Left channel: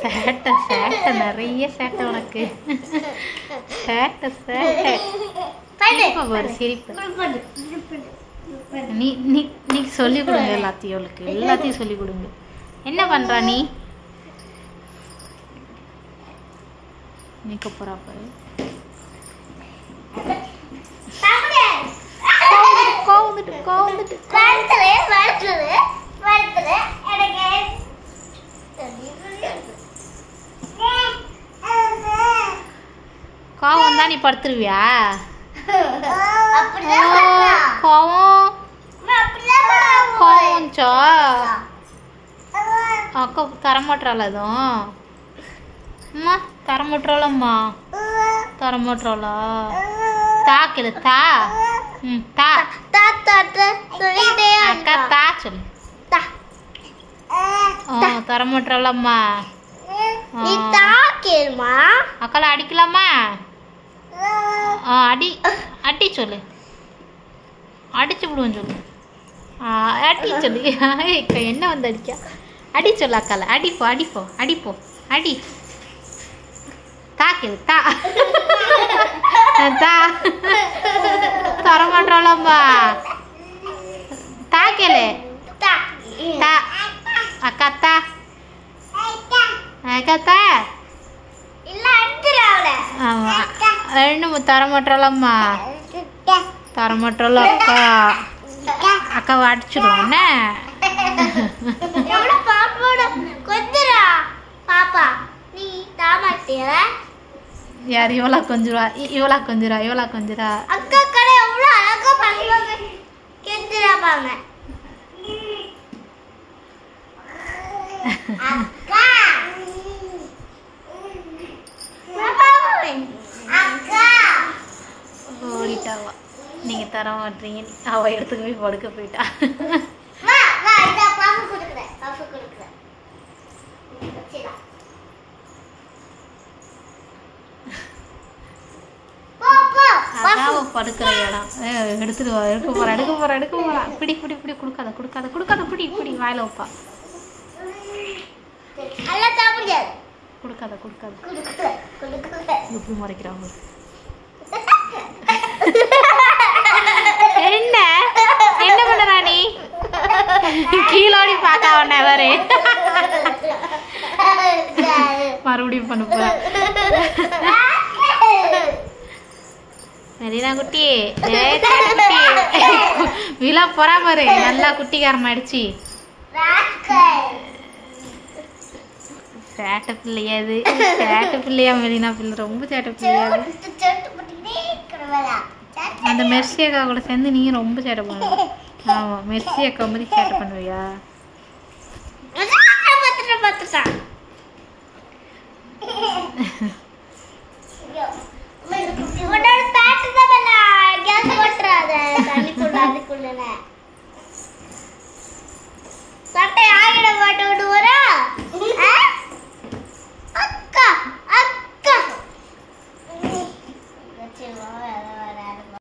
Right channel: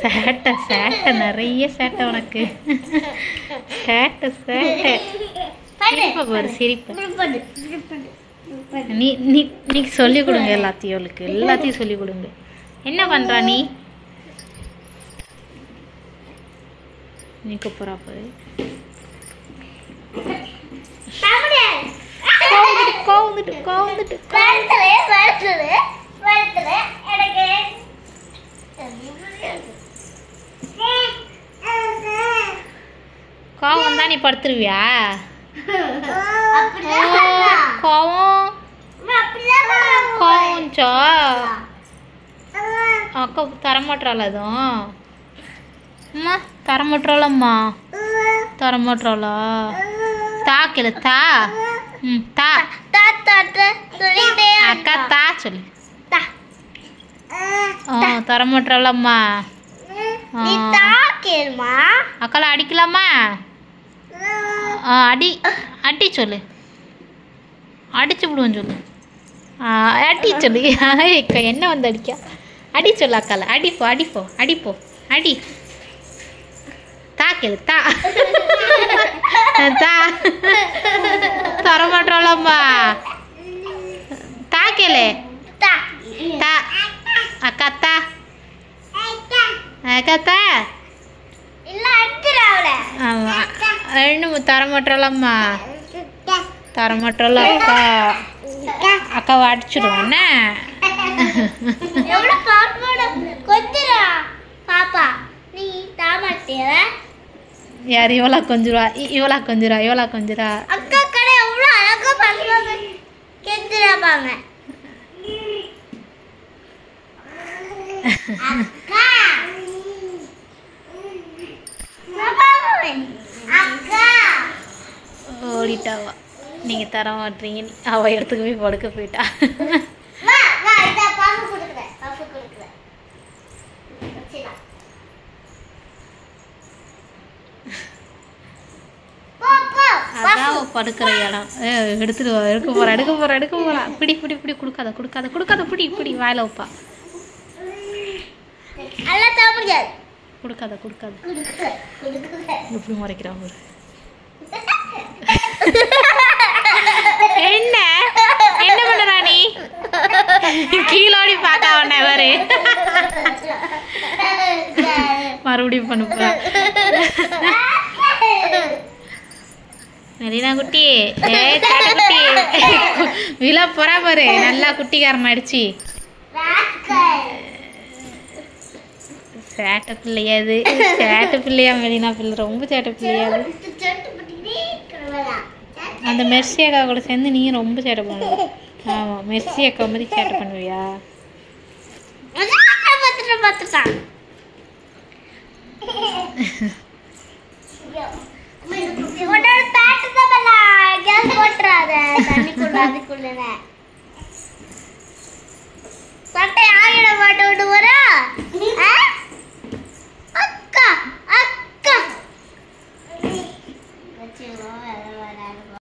சேட்டை சேட்டை நிறைய சேட்டை உனக்கு. சேட்டை சேட்டை. சிரிப்பை பாரு சிரிப்பு. நீ நீ நீ சொல்லிக் கொடுங்க எல்லாத்தையும், அவளுக்கு எல்லாத்தையும் சொல்லிக் கொடுங்க. என்ன பண்றா நீ? நீக்க போறா பாரு. கோவம் தான் நீ படுத்துருவியா? கோவம் கோவம்ச்சா அக்கா தரமாட்டாளா? அதுவும் அம்மா தரமாட்டாளம்மா. தரமாட்டாளா? தாக்கல தா. ம் தா. அக்கா தா சொல்லு. தரமாட்டாளம்மா. அக்கால அடிக்கலாமா? அடி அடி சொல்லு. அடிச்சு விடுவோம் சொல்லு. அடி சொல்லு. என்ன வந்து அடிக்கா? அடி சொல்லு அக்கால. அடிப்போ அடிப்போ அடிப்போ அடி. தாக்கேளு தா. தா தரமாட்டோம்மா. தாக்கேளு தா. அக்கா தா. அக்கா தா. ஆமா ரெண்டு தரமாட்டோம்மா. தரமாட்டோம் அக்கா. அக்காவை அடிச்சிடுவோம் என்ன? யார் இவளா கொஞ்சுரா? இவளா கொஞ்சுரா? இவளா கொஞ்சுரா? அக்கா கடை எவ்வளவு அழகா பண்ணுவாங்க. கெஞ்சிராபாங்க. அக்கா அக்கா ஓடிட்டாவா? நீங்க தர மாட்டீங்க. அவ இடத்துக்கு போய் படுக்க போயிட்டா. படுக்கிற இடம் எடுத்துட்டு எடுக்க போறா எடுக்க போறா எடுக்க போறா. பிடி பிடி பிடி. கொடுக்காத கொடுக்காத கொடுக்காத. பிடி பிடி. வாயில வைப்பா. கொடுக்காத கொடுக்காத. எப்படி முறைக்கிறா ஒரு. என்ன என்ன பண்றா நீ? கீழோடி பாக்கா உன்ன வரு. மறுபடியும் பண்ண போறா. மெரினா குட்டி குட்டி விழா போறா பாரு. நல்லா குட்டிக்காரன் ஆயிடுச்சு. சேட்டை பிள்ளையாது. சேட்டை பிள்ளையா மெரினா பிள்ளை? ரொம்ப சேட்டை பிள்ளையாது. அந்த மெர்சி அக்கா கூட சேர்ந்து நீ ரொம்ப சேட்டை பண்ணுவ. ஆமா மெர்சி அக்கா மாதிரி சேட்டை பண்ணுவியா? உன்னோட பேட்டு தான் கேஸ் போட்டுறாத. தண்ணி கூட அதுக்குள்ள